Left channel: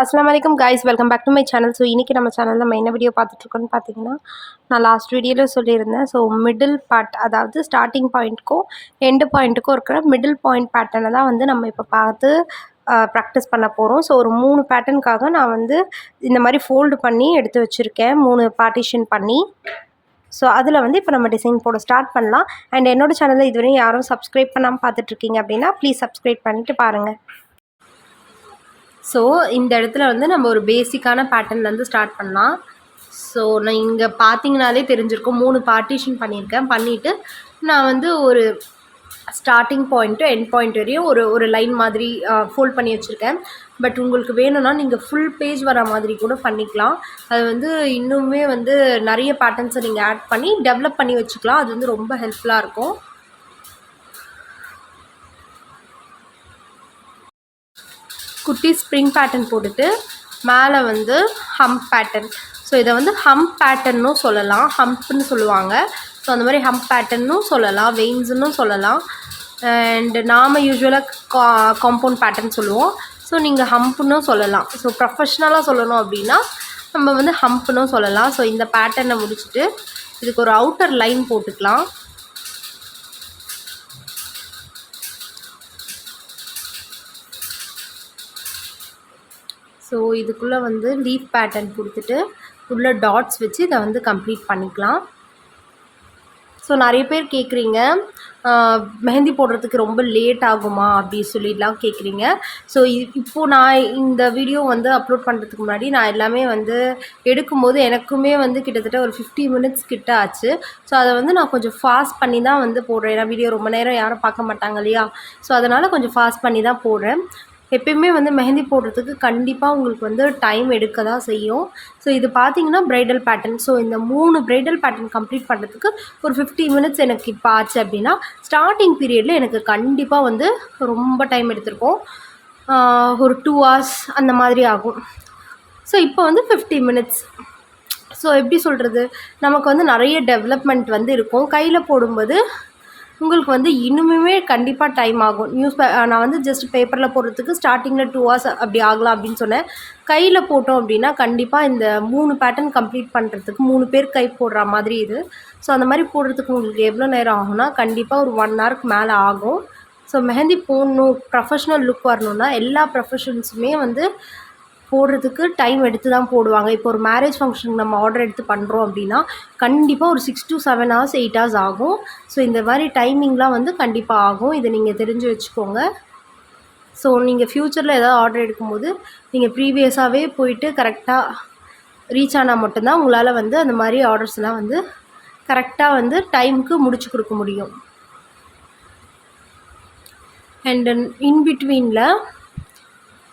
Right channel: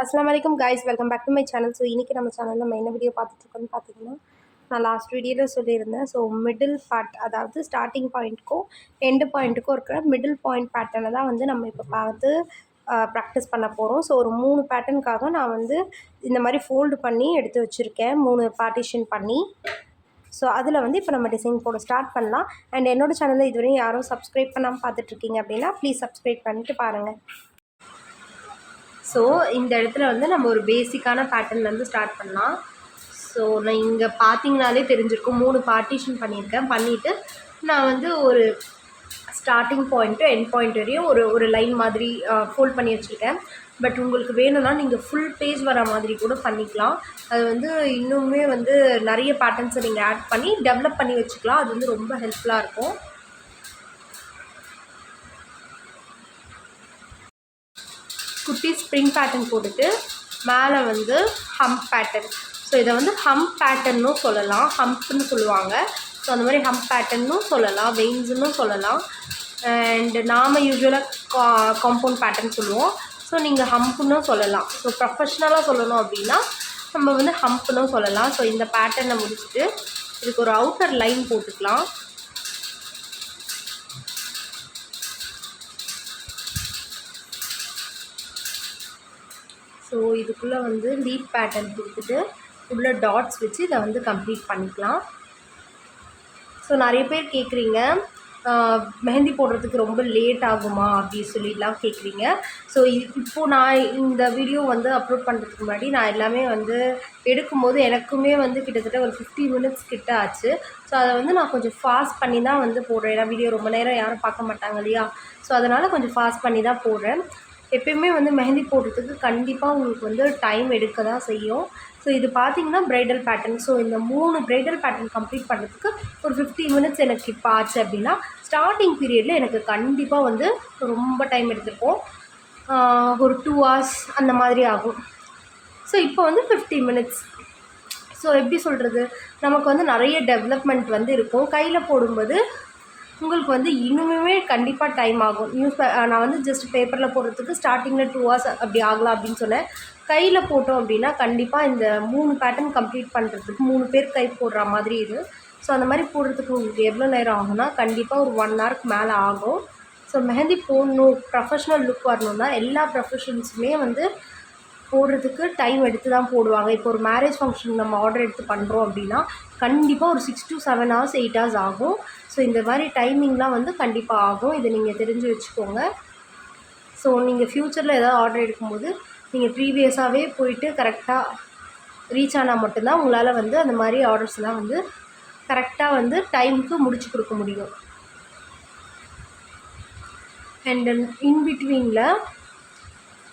अस्सलामुअलैकुम guys, welcome back to my channel. So இன்றைக்கி நம்ம சேனலில் நம்ம என்ன வீடியோ பார்த்துட்ருக்கோன்னு பார்த்தீங்கன்னா, நான் லாஸ்ட் வீடியோவில் சொல்லியிருந்தேன். ஸோ மிடில் பார்ட், அதாவது ஸ்டார்டிங் பாயிண்ட்டுக்கும் எண்டு பாயிண்ட்டுக்கும் இருக்கிற மிடில் பாயிண்ட் பேட்டர்னை தான் வந்து நம்ம இப்போ பார்த்து ப்ராக்டிஸ் பண்ண போகிறோம். ஸோ ஒரு 3 பேட்டர்னுக்காக நான் வந்து இந்த மாதிரி ஃபோல்டு பண்ணி எடுத்து வச்சுருக்கேன், 3 பார்ட்டிஷன் பண்ணி. ஸோ அதில் வந்து இப்போ நம்ம டிசைன் போட ஸ்டார்ட் பண்ணலாம். அண்ட் என்னோடய சேனலில் இதுவரையும் யாரும் சப்ஸ்கிரைப் பண்ணாமல் பார்த்துட்ருக்கீங்க அப்படின்னா ப்ளீஸ் சப்ஸ்கிரைப் பண்ணிவிட்டு பாருங்கள். ஸோ இந்த இடத்துல வந்து நம்ம ஒரு பேசிக்கான பேட்டர்ன்லேருந்து ஸ்டார்ட் பண்ணலாம். ஸோ நான் இங்கே பார்த்தீங்கனாலே தெரிஞ்சிருக்கும், 3 பார்ட்டிஷன் பண்ணியிருக்கேன். பண்ணிவிட்டு நான் வந்து ஒரு ஸ்டார்டிங் பாயிண்ட்டு எண்ட் பாயிண்ட் வரையும் ஒரு லைன் மாதிரி ஃபோல்ட் பண்ணி வச்சுருக்கேன். பட் உங்களுக்கு வேணும்னா நீங்கள் ஃபுல் பேஜ் வர மாதிரி கூட பண்ணிக்கலாம். அது வந்து இன்னுமே வந்து நிறைய பேட்டர்ன்ஸை நீங்கள் ஆட் பண்ணி டெவலப் பண்ணி வச்சுக்கலாம். அது வந்து ரொம்ப ஹெல்ப்ஃபுல்லாக இருக்கும். குட்டி ஸ்ப்ரிங் பேட்டர்ன் போட்டுட்டு மேலே வந்து ஹம்ப் பேட்டர்ன். ஸோ இதை வந்து ஹம்ப் பேட்டர்னும் சொல்லலாம், ஹம்ப்னு சொல்லுவாங்க. ஸோ அந்த மாதிரி ஹம்ப் பேட்டர்னும் சொல்லலாம், வெயின்ஸுன்னும் சொல்லலாம். அண்ட் நாம் யூஸ்வலாக காம்பவுண்ட் பேட்டர்ன் சொல்லுவோம். ஸோ நீங்கள் ஹம்ப்னும் சொல்லலாம். ஸோ ப்ரொஃபஷ்னலாக சொல்லணும் அப்படின்னா நம்ம வந்து ஹம்ப்னும் சொல்லலாம். ஸோ இந்த பேட்டர்னை முடிச்சுட்டு இதுக்கு ஒரு அவுட்டர் லைன் போட்டுக்கலாம். ஸோ இதுக்குள்ளே வந்து லீஃப் பேட்டர்ன் கொடுத்துட்டு உள்ளே டாட்ஸ் வச்சு இதை வந்து கம்ப்ளீட் பண்ணிக்கலாம். ஸோ நிறைய பேர் கேட்குறீங்க, மெஹந்தி போடுறதுக்கு ரொம்ப லேட் ஆகுமா அப்படி சொல்லிடலாம் கேட்குறீங்க. ஸோ இப்போது நான் இந்த வீடியோ வந்து அப்லோட் பண்ணுறதுக்கு முன்னாடி நான் எல்லாமே வந்து எடுக்கும்போது எனக்குமே வந்து கிட்டத்தட்ட ஒரு 50 மினிட்ஸ் கிட்ட ஆச்சு. ஸோ அதை வந்து நான் கொஞ்சம் ஃபாஸ்ட் பண்ணி தான் வந்து போடுறேன். ஏன்னா வீடியோ ரொம்ப நேரம் யாரும் பார்க்க மாட்டாங்க இல்லையா. ஸோ அதனால் கொஞ்சம் ஃபாஸ்ட் பண்ணி தான் போடுறேன். எப்பயுமே வந்து மெஹந்தி போடுறதுக்கு கண்டிப்பாக உங்களுக்கு வந்து டைம் எடுக்க தான் செய்யும். ஸோ இது பார்த்திங்கன்னா ப்ரைடல் பேட்டர்ன். ஸோ இந்த 3 ப்ரைடல் பேட்டர்ன் கம்ப்ளீட் பண்ணுறதுக்கு ஒரு 50 மினிட்ஸ் எனக்கு இப்போ ஆச்சு அப்படின்னா, ஸ்டார்டிங் பீரியடில் எனக்கு கண்டிப்பாக வந்து ரொம்ப டைம் எடுத்திருக்கும். ஒரு 2 hours அந்த மாதிரி ஆகும். ஸோ இப்போ வந்து 50 மினிட்ஸ். ஸோ எப்படி சொல்கிறது, நமக்கு வந்து நிறைய டெவலப்மெண்ட் வந்து இருக்கும். கையில் போடும்போது உங்களுக்கு வந்து இன்னுமே கண்டிப்பாக டைம் ஆகும். நான் வந்து ஜஸ்ட் பேப்பரில் போடுறதுக்கு ஸ்டார்டிங்கில் 2 hours அப்படி ஆகலாம் அப்படின்னு சொன்னேன். கையில் போட்டோம் அப்படின்னா கண்டிப்பாக இந்த 3 பேட்டர்ன் கம்ப்ளீட் பண்ணுறதுக்கு 3 பேர் கை போடுற மாதிரி இது. ஸோ அந்த மாதிரி போடுறதுக்கு உங்களுக்கு எவ்வளோ நேரம் ஆகும்னா கண்டிப்பாக ஒரு 1 hourக்கு மேலே ஆகும். ஸோ மெஹந்தி போடணும், ப்ரொஃபஷ்னல் லுக் வரணுன்னா எல்லா ப்ரொஃபஷன்ஸுமே வந்து போடுறதுக்கு டைம் எடுத்து தான் போடுவாங்க. இப்போ ஒரு மேரேஜ் ஃபங்க்ஷனுக்கு நம்ம ஆர்டர் எடுத்து பண்ணுறோம் அப்படின்னா கண்டிப்பாக ஒரு 6 to 7 hours 8 hours ஆகும். ஸோ இந்த மாதிரி டைமிங்லாம் வந்து கண்டிப்பாக ஆகும். இதை நீங்கள் தெரிஞ்சு வச்சுக்கோங்க. ஸோ நீங்கள் ஃப்யூச்சரில் ஏதாவது ஆர்டர் எடுக்கும்போது நீங்கள் ப்ரீவியஸாகவே போயிட்டு கரெக்டாக ரீச் ஆனால் மட்டும்தான் உங்களால் வந்து அந்த மாதிரி ஆர்டர்ஸ்லாம் வந்து கரெக்டாக வந்து டைமுக்கு முடிச்சு கொடுக்க முடியும். அண்ட் இன்பிட்வீனில்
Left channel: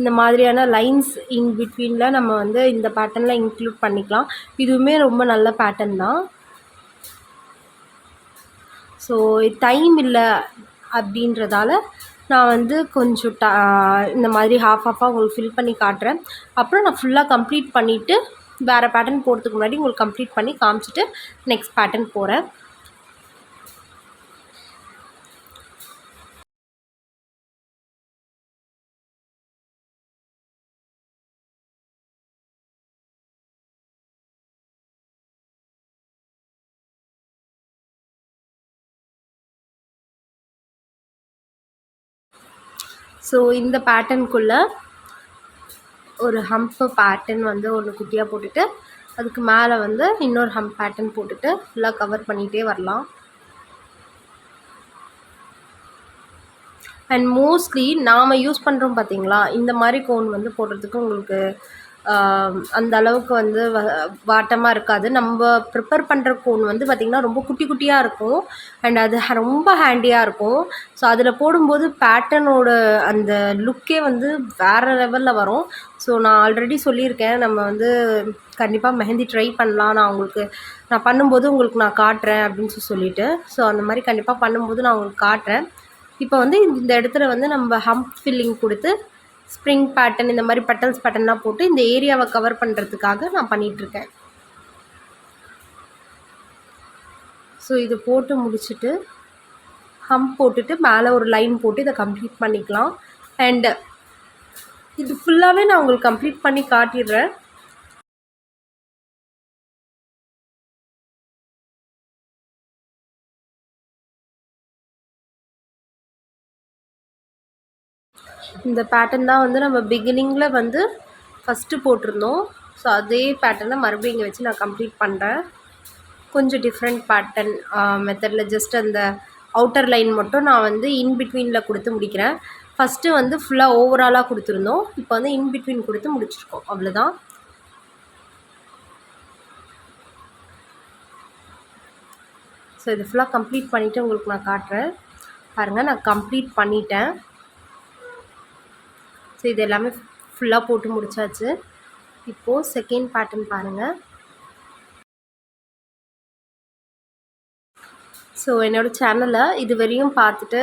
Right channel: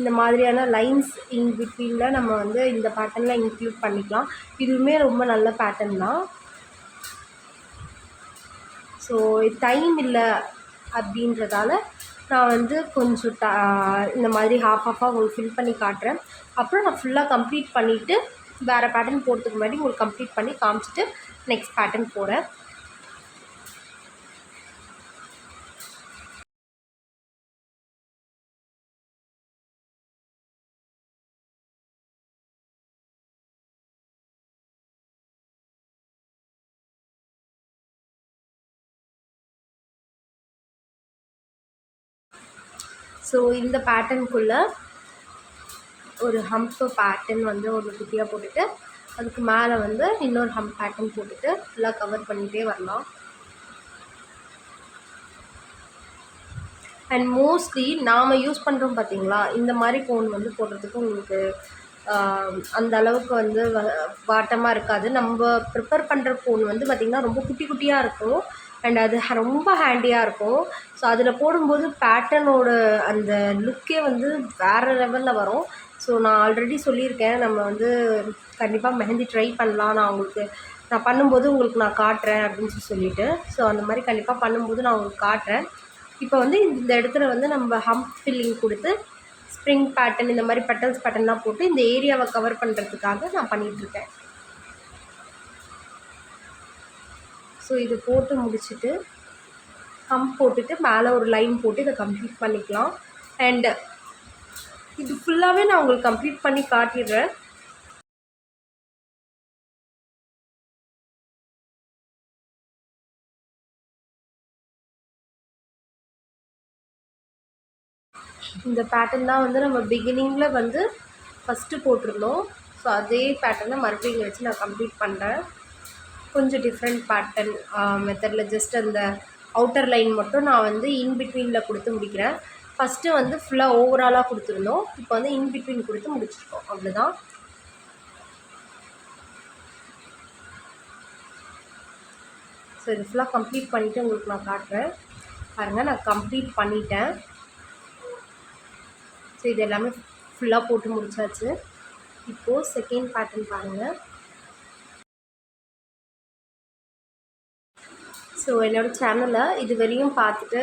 இந்த மாதிரியான லைன்ஸ் இன்பிட்வீனில் நம்ம வந்து இந்த பேட்டர்னில் இன்க்ளூட் பண்ணிக்கலாம். இதுவுமே ரொம்ப நல்ல பேட்டர்ன் தான். ஸோ டைம் இல்லை அப்படின்றதால நான் வந்து கொஞ்சம் இந்த மாதிரி ஹாஃபாக உங்களுக்கு ஃபில் பண்ணி காட்டுறேன். அப்புறம் நான் ஃபுல்லாக கம்ப்ளீட் பண்ணிவிட்டு வேறு பேட்டர்ன் போகிறதுக்கு முன்னாடி உங்களுக்கு கம்ப்ளீட் பண்ணி காமிச்சிட்டு நெக்ஸ்ட் பேட்டர்ன் போகிறேன். ஸோ இந்த பேட்டர்னுக்குள்ளே ஒரு ஹம்ப் பேட்டர்ன் வந்து ஒன்று குட்டியாக போட்டுட்டு அதுக்கு மேலே வந்து இன்னொரு ஹம்ப் பேட்டர்ன் போட்டுட்டு ஃபுல்லாக கவர் பண்ணிகிட்டே வரலாம். அண்ட் மோஸ்ட்லி நாம் யூஸ் பண்ணுறோம் பார்த்தீங்களா, இந்த மாதிரி கோன் வந்து போடுறதுக்கு உங்களுக்கு அந்த அளவுக்கு வந்து வாட்டமாக இருக்காது. நம்ம ப்ரிப்பேர் பண்ணுற கோன் வந்து பார்த்திங்கன்னா ரொம்ப குட்டி குட்டியாக இருக்கும். அண்ட் அது ரொம்ப ஹேண்டியாக இருக்கும். ஸோ அதில் போடும்போது பேட்டர்னோட அந்த லுக்கே வந்து வேறு லெவலில் வரும். ஸோ நான் ஆல்ரெடி சொல்லியிருக்கேன், நம்ம வந்து கண்டிப்பாக மெஹந்தி ட்ரை பண்ணலாம், நான் பண்ணும்போது உங்களுக்கு நான் காட்டுறேன் அப்படின்னு சொல்லிட்டு. ஸோ அந்த மாதிரி கண்டிப்பாக பண்ணும்போது நான் உங்களுக்கு காட்டுறேன். இப்போ வந்து இந்த இடத்துல வந்து நம்ம ஹம்ப் ஃபில்லிங் கொடுத்து ஸ்ப்ரிங் பேட்டர்ன் இந்த மாதிரி பெட்டல்ஸ் பேட்டர்ன்லாம் போட்டு இந்த ஏரியாவை கவர் பண்ணுறதுக்காக நான் பண்ணிகிட்ருக்கேன். ஸோ இது போட்டு முடிச்சுட்டு ஹம்ப் போட்டுட்டு மேலே ஒரு லைன் போட்டு இதை கம்ப்ளீட் பண்ணிக்கலாம். அண்டு இது ஃபுல்லாகவே நான் உங்களுக்கு கம்ப்ளீட் பண்ணி காட்டிடுறேன். இந்த பேட்டர்ன் தான் வந்து நம்ம பிகினிங்கில் வந்து ஃபஸ்ட்டு போட்டிருந்தோம். ஸோ அதே பேட்டர்னை மறுபடியும் இங்கே வச்சு நான் கம்ப்ளீட் பண்ணுறேன். கொஞ்சம் டிஃப்ரெண்ட் பேட்டர்ன் மெத்தடில் ஜஸ்ட் அந்த அவுட்டர் லைன் மட்டும் நான் வந்து இன்பிட்வீனில் கொடுத்து முடிக்கிறேன். ஃபஸ்ட்டு வந்து ஃபுல்லாக ஓவராலாக கொடுத்துருந்தோம். இப்போ வந்து இன்பிட்வீன் கொடுத்து முடிச்சிருக்கோம். அவ்வளோதான். ஸோ இது ஃபுல்லாக கம்ப்ளீட் பண்ணிவிட்டு உங்களுக்கு நான் காட்டுறேன். பாருங்கள், நான் கம்ப்ளீட் பண்ணிட்டேன். ஸோ இது எல்லாமே ஃபுல்லாக போட்டு முடித்தாச்சு. இப்போது செகண்ட் பேட்டர்ன் பாருங்கள். ஸோ என்னோடய சேனலை இது வரையும் பார்த்துட்டு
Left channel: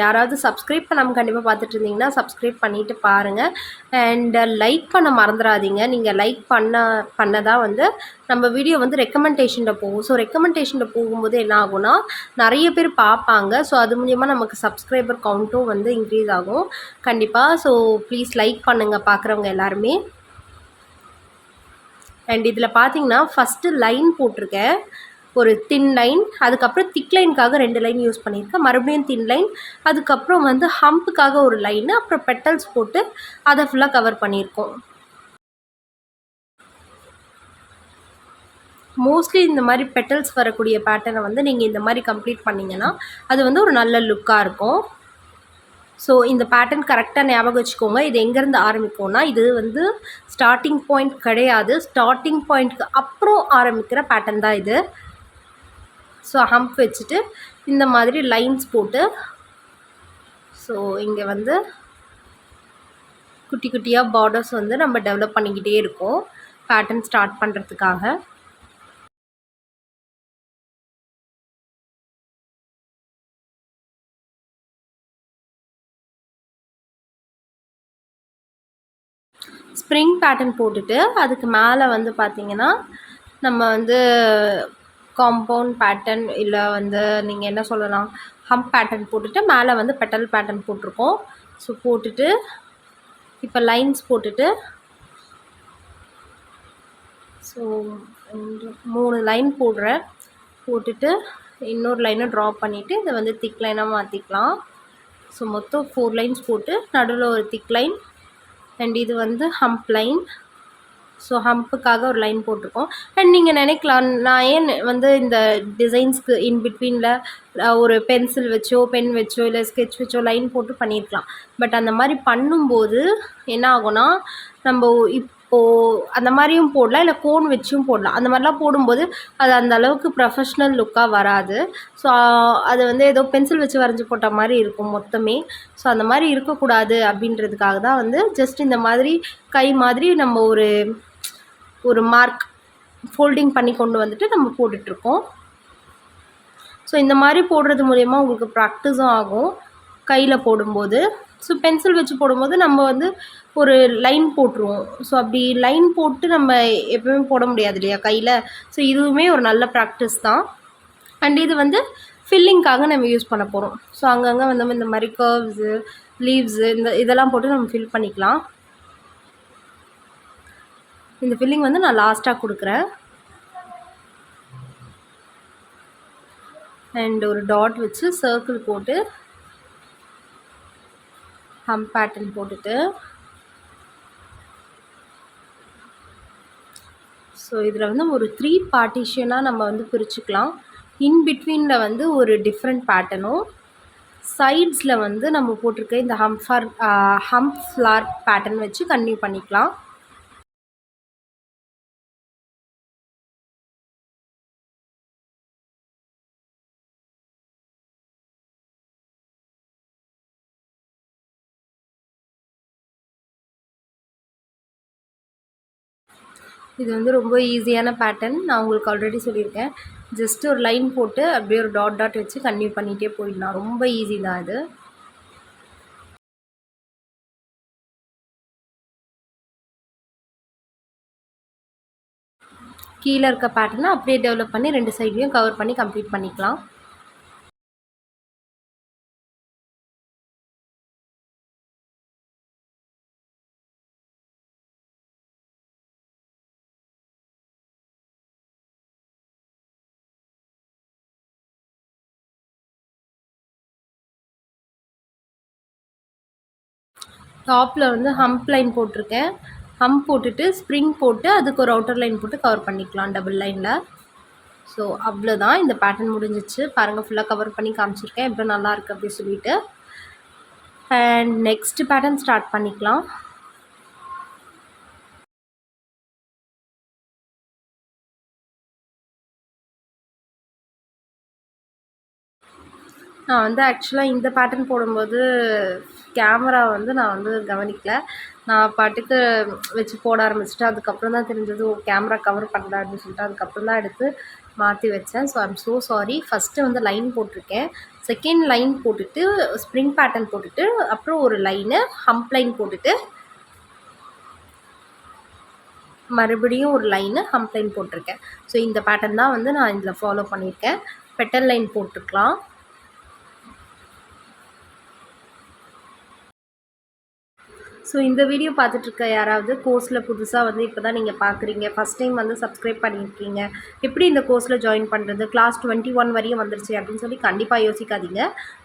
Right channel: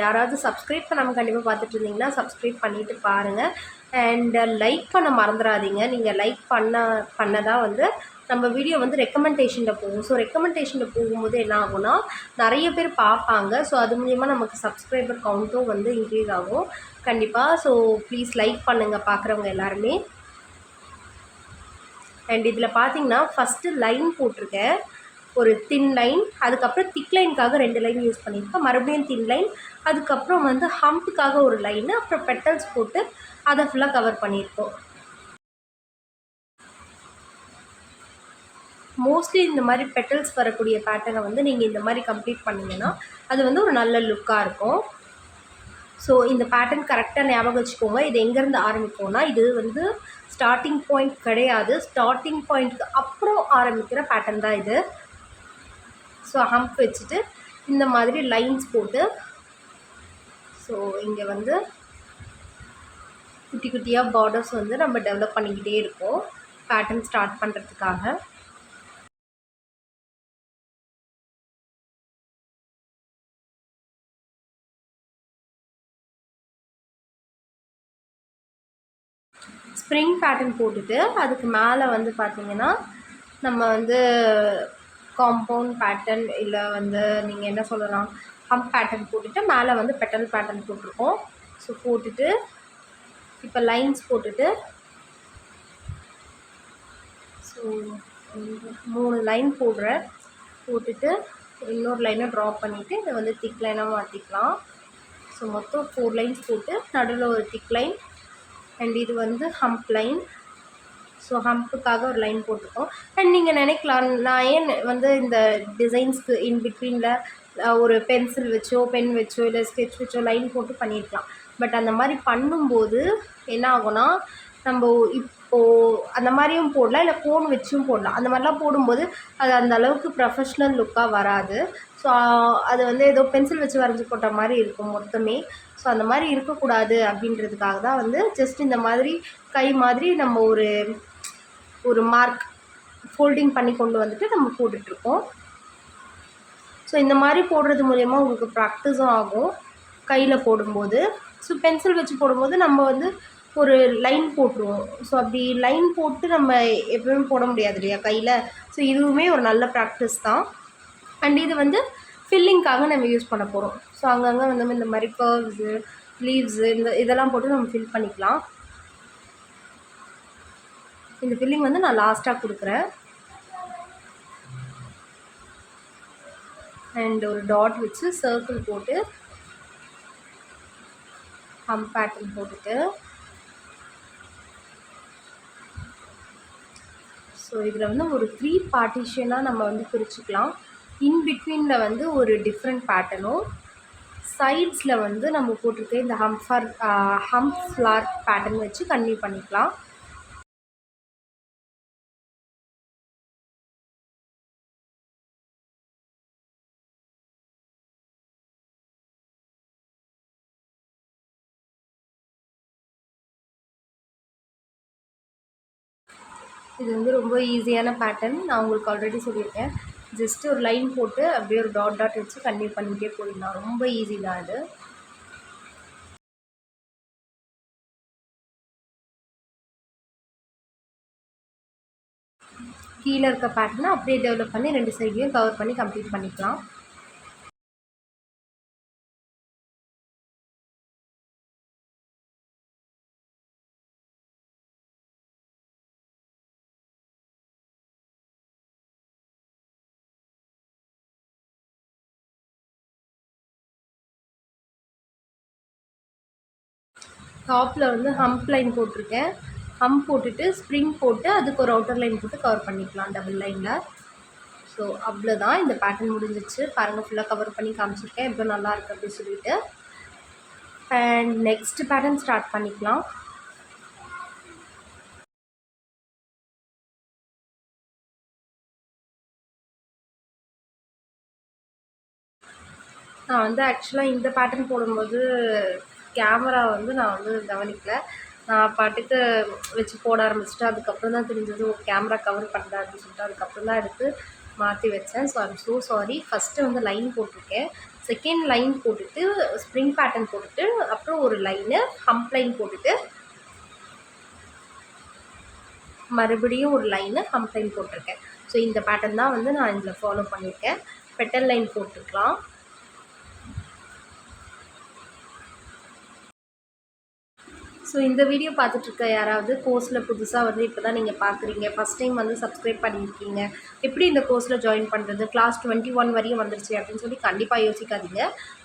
யாராவது சப்ஸ்கிரைப் பண்ணாமல் கண்டிப்பாக பார்த்துட்டு இருந்தீங்கன்னா சப்ஸ்கிரைப் பண்ணிவிட்டு பாருங்கள். அண்ட் லைக் பண்ண மறந்துடாதீங்க. நீங்கள் லைக் பண்ண தான் வந்து நம்ம வீடியோ வந்து ரெக்கமெண்டேஷனில் போகும். ஸோ ரெக்கமெண்டேஷனில் போகும்போது என்ன ஆகும்னா நிறைய பேர் பார்ப்பாங்க. ஸோ அது மூலிமா நமக்கு சப்ஸ்கிரைபர் கவுண்ட்டும் வந்து இன்க்ரீஸ் ஆகும் கண்டிப்பாக. ஸோ ப்ளீஸ் லைக் பண்ணுங்கள் பார்க்குறவங்க எல்லாருமே. அண்ட் இதில் பார்த்தீங்கன்னா ஃபஸ்ட்டு லைன் போட்டிருக்கேன், ஒரு தின் லைன். அதுக்கப்புறம் திக் லைனுக்காக 2 லைன் யூஸ் பண்ணியிருக்கேன். மறுபடியும் தின் லைன். அதுக்கப்புறம் வந்து ஹம்புக்காக ஒரு லைனு. அப்புறம் பெட்டல்ஸ் போட்டு அதை ஃபுல்லாக கவர் பண்ணியிருக்கோம். மோஸ்ட்லி இந்த மாதிரி பெட்டல்ஸ் வரக்கூடிய பேட்டர்னை வந்து நீங்கள் இந்த மாதிரி கம்ப்ளீட் பண்ணிங்கன்னா அது வந்து ஒரு நல்ல லுக்காக இருக்கும். ஸோ இந்த பேட்டர்ன் கரெக்டாக ஞாபகம் வச்சுக்கோங்க. இது எங்கேருந்து ஆரம்பிக்கும்னா இது வந்து ஸ்டார்டிங் பாயிண்ட் கிடையாது. ஸ்டார்டிங் பாயிண்ட்க்கு அப்புறம் ஆரம்பிக்கிற பேட்டர்ன் தான் இது. ஸோ ஹம்ப் வச்சுட்டு இந்த மாதிரி லைன்ஸ் போட்டு, ஸோ இங்கே வந்து குட்டி குட்டியாக பார்டர்ஸ் வந்து நம்ம டெவலப் பண்ணிக்கிட்டே இருக்கோம் பேட்டர்ன் ஸ்டார்ட் பண்ணுறதுக்காக. ஸ்ப்ரிங் பேட்டர்ன் போட்டுட்டு அதுக்கு மேலே வந்து பார்த்திங்கன்னா நம்ம வந்து காம்பவுண்ட் பேட்டர்ன் இல்லை வந்து நீங்கள் என்ன சொல்லலாம், ஹம்ப் பேட்டர்ன் போட்டுட்டு மேலே வந்து பெட்டல் பேட்டர்ன் போட்டிருக்கோம். ஸோ போட்டுட்டு இப்போ லைன்ஸ் போட்டுட்டு, ஸோ 3 லைன் போடுறேன். போட்டுட்டு இன்னொரு லைனை ட்ரா பண்ணிவிட்டு இதை வந்து திக் லைனாக மாற்றிக்கலாம். ஸோ மொத்தம் 4 லைன்ஸ் போட்டு நடுவில் ஒரு திக் லைன். அண்ட் இது வந்து ஹம்ப் லைன். ஸோ ஹம்புக்காக ஒரு லைன் போட்டிருக்கோம். அண்ட் நீங்கள் நினைக்கலாம், நான் ஏன் வந்து இந்த டிசைன்ஸ்க்கு இன் பிட்வீனில் ஒரு பென்சில் வச்சோ பென் வச்சோ இல்லை ஸ்கெட்ச் வச்சோ லைன் போட்டு பண்ணியிருக்கலாம். பட் அந்த மாதிரி பண்ணும்போது என்ன ஆகும்னா நம்ம இப்போது அந்த மாதிரியும் போடலாம், இல்லை கோன் வச்சும் போடலாம். அந்த மாதிரிலாம் போடும்போது அது அந்த அளவுக்கு ப்ரொஃபஷ்னல் லுக்காக வராது. ஸோ அது வந்து ஏதோ பென்சில் வச்சு வரைஞ்சி போட்ட மாதிரி இருக்கும் மொத்தமே. ஸோ அந்த மாதிரி இருக்கக்கூடாது அப்படின்றதுக்காக தான் வந்து ஜஸ்ட் இந்த மாதிரி கை மாதிரி நம்ம ஒரு மார்க் ஃபோல்டிங் பண்ணி கொண்டு வந்துட்டு நம்ம போட்டுட்ருக்கோம். ஸோ இந்த மாதிரி போடுறது மூலயமா உங்களுக்கு ப்ராக்டிஸும் ஆகும் கையில் போடும்போது. ஸோ பென்சில் வச்சு போடும்போது நம்ம வந்து ஒரு லைன் போட்டுருவோம். ஸோ அப்படி லைன் போட்டு நம்ம எப்பவுமே போட முடியாது இல்லையா கையில். ஸோ இதுவுமே ஒரு நல்ல ப்ராக்டிஸ் தான். அண்ட் இது வந்து ஃபில்லிங்காக நம்ம யூஸ் பண்ண போகிறோம். ஸோ அங்கங்கே வந்து இந்த மாதிரி கர்வ்ஸு, லீவ்ஸு இதெல்லாம் போட்டு நம்ம ஃபில் பண்ணிக்கலாம். இந்த ஃபில்லிங் வந்து நான் லாஸ்ட்டாக கொடுக்குறேன். அண்ட் ஒரு டாட் வச்சு சர்க்கிள் போட்டு ஹம்ப் பேட்டர்ன் போட்டுட்டு, ஸோ இதில் வந்து ஒரு 3 பார்ட்டிஷனாக நம்ம வந்து பிரிச்சுக்கலாம். இன் பிட்வீனில் வந்து ஒரு டிஃப்ரெண்ட் பேட்டர்னும், சைட்ஸில் வந்து நம்ம போட்டிருக்க இந்த ஹம்ப் ஃப்ளார் பேட்டர்ன் வச்சு கன்டினியூ பண்ணிக்கலாம். இது வந்து ரொம்ப ஈஸியான பேட்டர்ன். நான் உங்களுக்கு ஆல்ரெடி சொல்லியிருக்கேன். ஜஸ்ட் ஒரு லைன் போட்டு அப்படியே ஒரு டாட் வச்சு கன்டினியூ பண்ணிகிட்டே போயிடலாம். ரொம்ப ஈஸி தான் இது. கீழே இருக்க பேட்டர்னை அப்படியே டெவலப் பண்ணி 2 சைட்லையும் கவர் பண்ணி கம்ப்ளீட் பண்ணிக்கலாம். டாப்பில் வந்து ஹம்ப் லைன் போட்டிருக்கேன். ஹம்ப் போட்டுட்டு ஸ்ப்ரிங் போட்டு அதுக்கு ஒரு அவுட்டர் லைன் போட்டு கவர் பண்ணிக்கலாம் டபுள் லைனில். ஸோ அவ்வளோதான், இந்த பேட்டர்ன் முடிஞ்சிச்சு. பாருங்கள், ஃபுல்லாக கவர் பண்ணி காமிச்சிருக்கேன் எவ்வளோ நல்லா இருக்குது அப்படி சொல்லிட்டு. அண்ட் நெக்ஸ்ட் பேட்டர்ன் ஸ்டார்ட் பண்ணிக்கலாம். நான் வந்து ஆக்சுவலாக இந்த பேட்டர்ன் போடும்போது கேமரா வந்து நான் வந்து கவனிக்கல. நான் பாட்டுக்கு வச்சு போட ஆரம்பிச்சிட்டேன். அதுக்கப்புறம் தான் தெரிஞ்சது கேமரா கவர் பண்ணல அப்படின்னு சொல்லிட்டு அதுக்கப்புறம் தான் எடுத்து மாற்றி வச்சேன். So I'm so sorry. First வந்து லைன் போட்டிருக்கேன். செகண்ட் லைன் போட்டுட்டு ஸ்ப்ரிங் பேட்டர்ன் போட்டுட்டு அப்புறம் ஒரு லைனு ஹம்ப் லைன் போட்டுட்டு மறுபடியும் ஒரு லைனு ஹம்ப் லைன் போட்டிருக்கேன். ஸோ இந்த பேட்டர்ன் தான் வந்து நான் இதில் ஃபாலோ பண்ணியிருக்கேன். பெட்டல் லைன் போட்டுக்கலாம். ஸோ இந்த வீடியோ பார்த்துட்ருக்க யாராவது கோர்ஸில் புதுசாக வந்து இப்போ தான் நீங்கள் பார்க்குறீங்க, ஃபஸ்ட் டைம் வந்து சப்ஸ்கிரைப் பண்ணியிருக்கீங்க, எப்படி இந்த கோர்ஸில் ஜாயின் பண்ணுறது, கிளாஸ் 21 வரையும் வந்துருச்சு அப்படின்னு சொல்லி கண்டிப்பாக யோசிக்காதீங்க.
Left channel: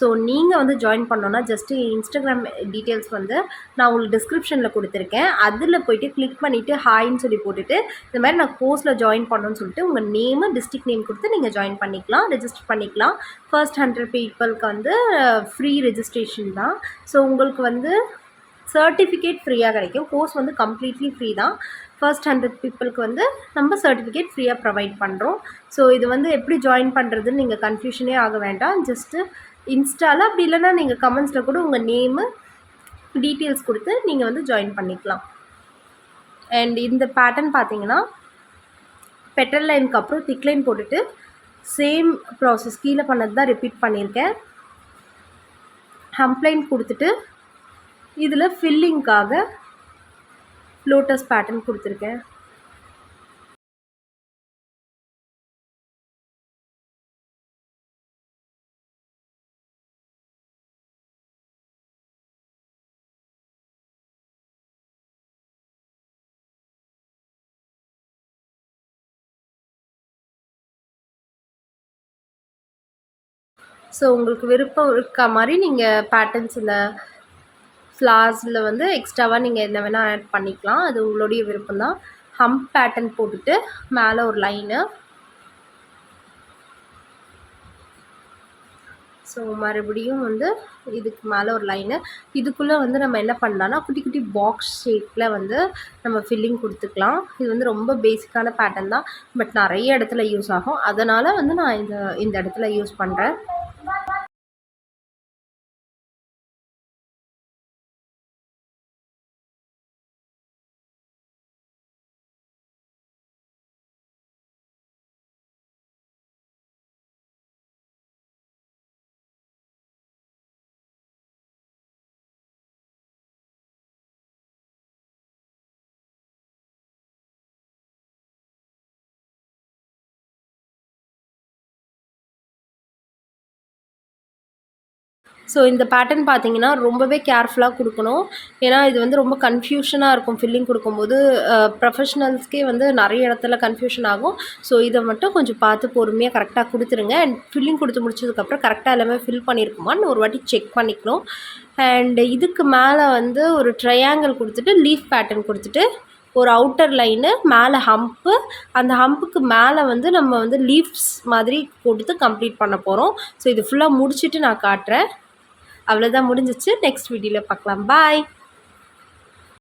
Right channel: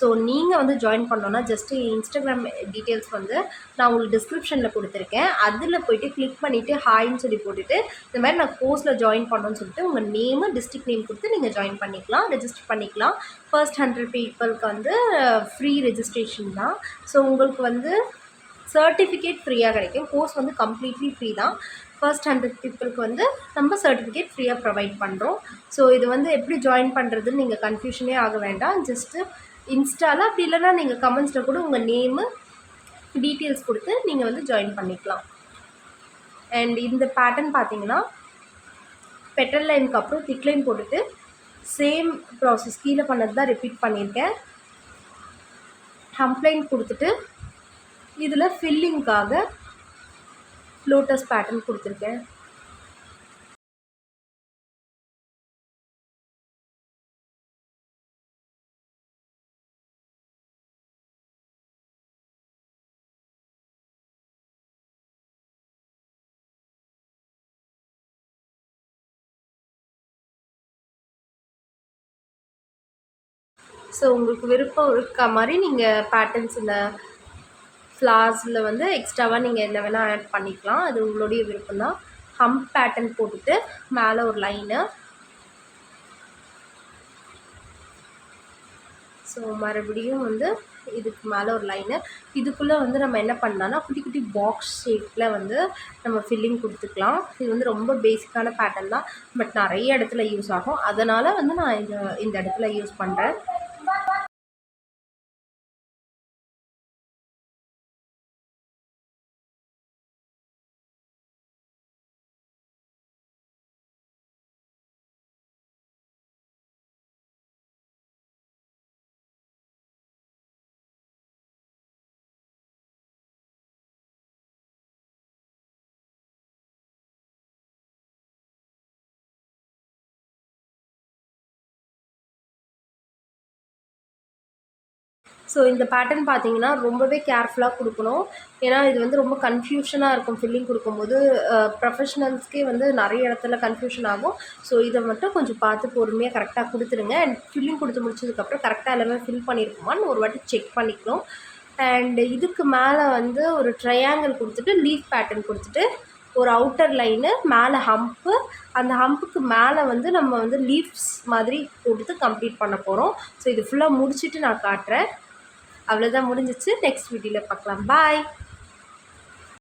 ஸோ நீங்கள் வந்து ஜாயின் பண்ணோன்னா ஜஸ்ட்டு இன்ஸ்டாகிராம் டீட்டெயில்ஸ் வந்து நான் உங்களுக்கு டிஸ்கிரிப்ஷனில் கொடுத்துருக்கேன். அதில் போய்ட்டு கிளிக் பண்ணிவிட்டு ஹாய்ன்னு சொல்லி போட்டுட்டு இந்த மாதிரி நான் கோர்ஸில் ஜாயின் பண்ணணும்னு சொல்லிட்டு உங்கள் நேமு டிஸ்ட்ரிக்ட் நேம் கொடுத்து நீங்கள் ஜாயின் பண்ணிக்கலாம், ரெஜிஸ்டர் பண்ணிக்கலாம். ஃபர்ஸ்ட் 100 பீப்புளுக்கு வந்து ஃப்ரீ ரெஜிஸ்ட்ரேஷன் தான். ஸோ உங்களுக்கு வந்து சர்டிஃபிகேட் ஃப்ரீயாக கிடைக்கும். கோர்ஸ் வந்து கம்ப்ளீட்லி ஃப்ரீ தான். ஃபர்ஸ்ட் 100 பீப்புளுக்கு வந்து நம்ம சர்டிஃபிகேட் ஃப்ரீயாக ப்ரொவைட் பண்ணுறோம். ஸோ இது வந்து எப்படி ஜாயின் பண்ணுறதுன்னு நீங்கள் கன்ஃபியூஷனே ஆக வேண்டாம். ஜஸ்ட்டு இன்ஸ்டாவில் அப்படி இல்லைனா நீங்கள் கமெண்ட்ஸில் கூட உங்கள் நேமு டீட்டெயில்ஸ் கொடுத்து நீங்கள் வந்து ஜாயின் பண்ணிக்கலாம். அண்ட் இந்த பேட்டர்ன் பார்த்தீங்கன்னா பெட்டல் லைனுக்கு அப்புறம் திக் லைன் போட்டுட்டு சேம் ப்ராசஸ் கீழே பண்ணது தான் ரிப்பீட் பண்ணியிருக்கேன். ஹம்ப் லைன் கொடுத்துட்டு இதில் ஃபில்லிங்காக லோட்டஸ் பேட்டர்ன் கொடுத்துருக்கேன். ஸோ உங்களுக்கு விருப்பம் இருக்க மாதிரி நீங்கள் பேட்டர்ன்ஸில் ஃப்ளார்ஸில் வந்து எக்ஸ்ட்ராவாக நீங்கள் என்ன வேணால் ஆட் பண்ணிக்கலாம். அது உங்களுடைய விருப்பம் தான். ஹம்ப் பேட்டர்ன் போட்டுட்டு மேலே ஒரு லைனு. ஸோ மறுபடியும் வந்து இதுக்கு மேலே ஒரு லைனு. இதுக்குள்ளே வந்து நம்ம என்ன பண்ணலான்னா குட்டி குட்டி பாக்ஸ் ஷேப்பில் வந்து நம்ம ஃபில்லிங் கொடுத்துக்கலாம். இது வந்து ரொம்ப பேசிக்கான பேட்டர்ன் தான், பட் நிறைய இடத்துல யூஸ் ஆகும். அதனால் வந்து நான் இந்த இடத்துல யூஸ் பண்ணுறேன். ஸோ இந்த பேட்டர்ன் பார்த்தீங்கன்னா ரொம்பவே கேர்ஃபுல்லாக கொடுக்கணும். ஏன்னா இது வந்து ரொம்ப கன்ஃபியூஷனாக இருக்கும் ஃபில்லிங் கொடுக்கும்போது. ப்ரொஃபஷ்னல்ஸ்க்கே வந்து நிறைய இடத்துல கன்ஃபியூஷன் ஆகும். ஸோ இதை மட்டும் கொஞ்சம் பார்த்து பொறுமையாக கரெக்டாக கொடுத்துருங்க. அண்ட் ஃபில்லிங் கொடுத்து முடிச்சதுக்கப்புறம் கரெக்டாக எல்லாமே ஃபில் பண்ணியிருக்குமான்னு ஒரு வாட்டி செக் பண்ணிக்கணும். அண்டு இதுக்கு மேலே வந்து ஒரு ட்ரையாங்கிள் கொடுத்துட்டு லீஃப் பேட்டர்ன் கொடுத்துட்டு ஒரு அவுட்டர் லைனு மேலே ஹம்ப்பு, அந்த ஹம்புக்கு மேலே வந்து நம்ம வந்து லீஃப்ஸ் மாதிரி கொடுத்து கம்ப்ளீட் பண்ண போகிறோம். ஸோ இது ஃபுல்லாக முடிச்சுட்டு நான் காட்டுறேன். அவ்வளோதான், முடிஞ்சிச்சு. நெக்ஸ்ட் வீடியோவில் பார்க்கலாம். பாய்.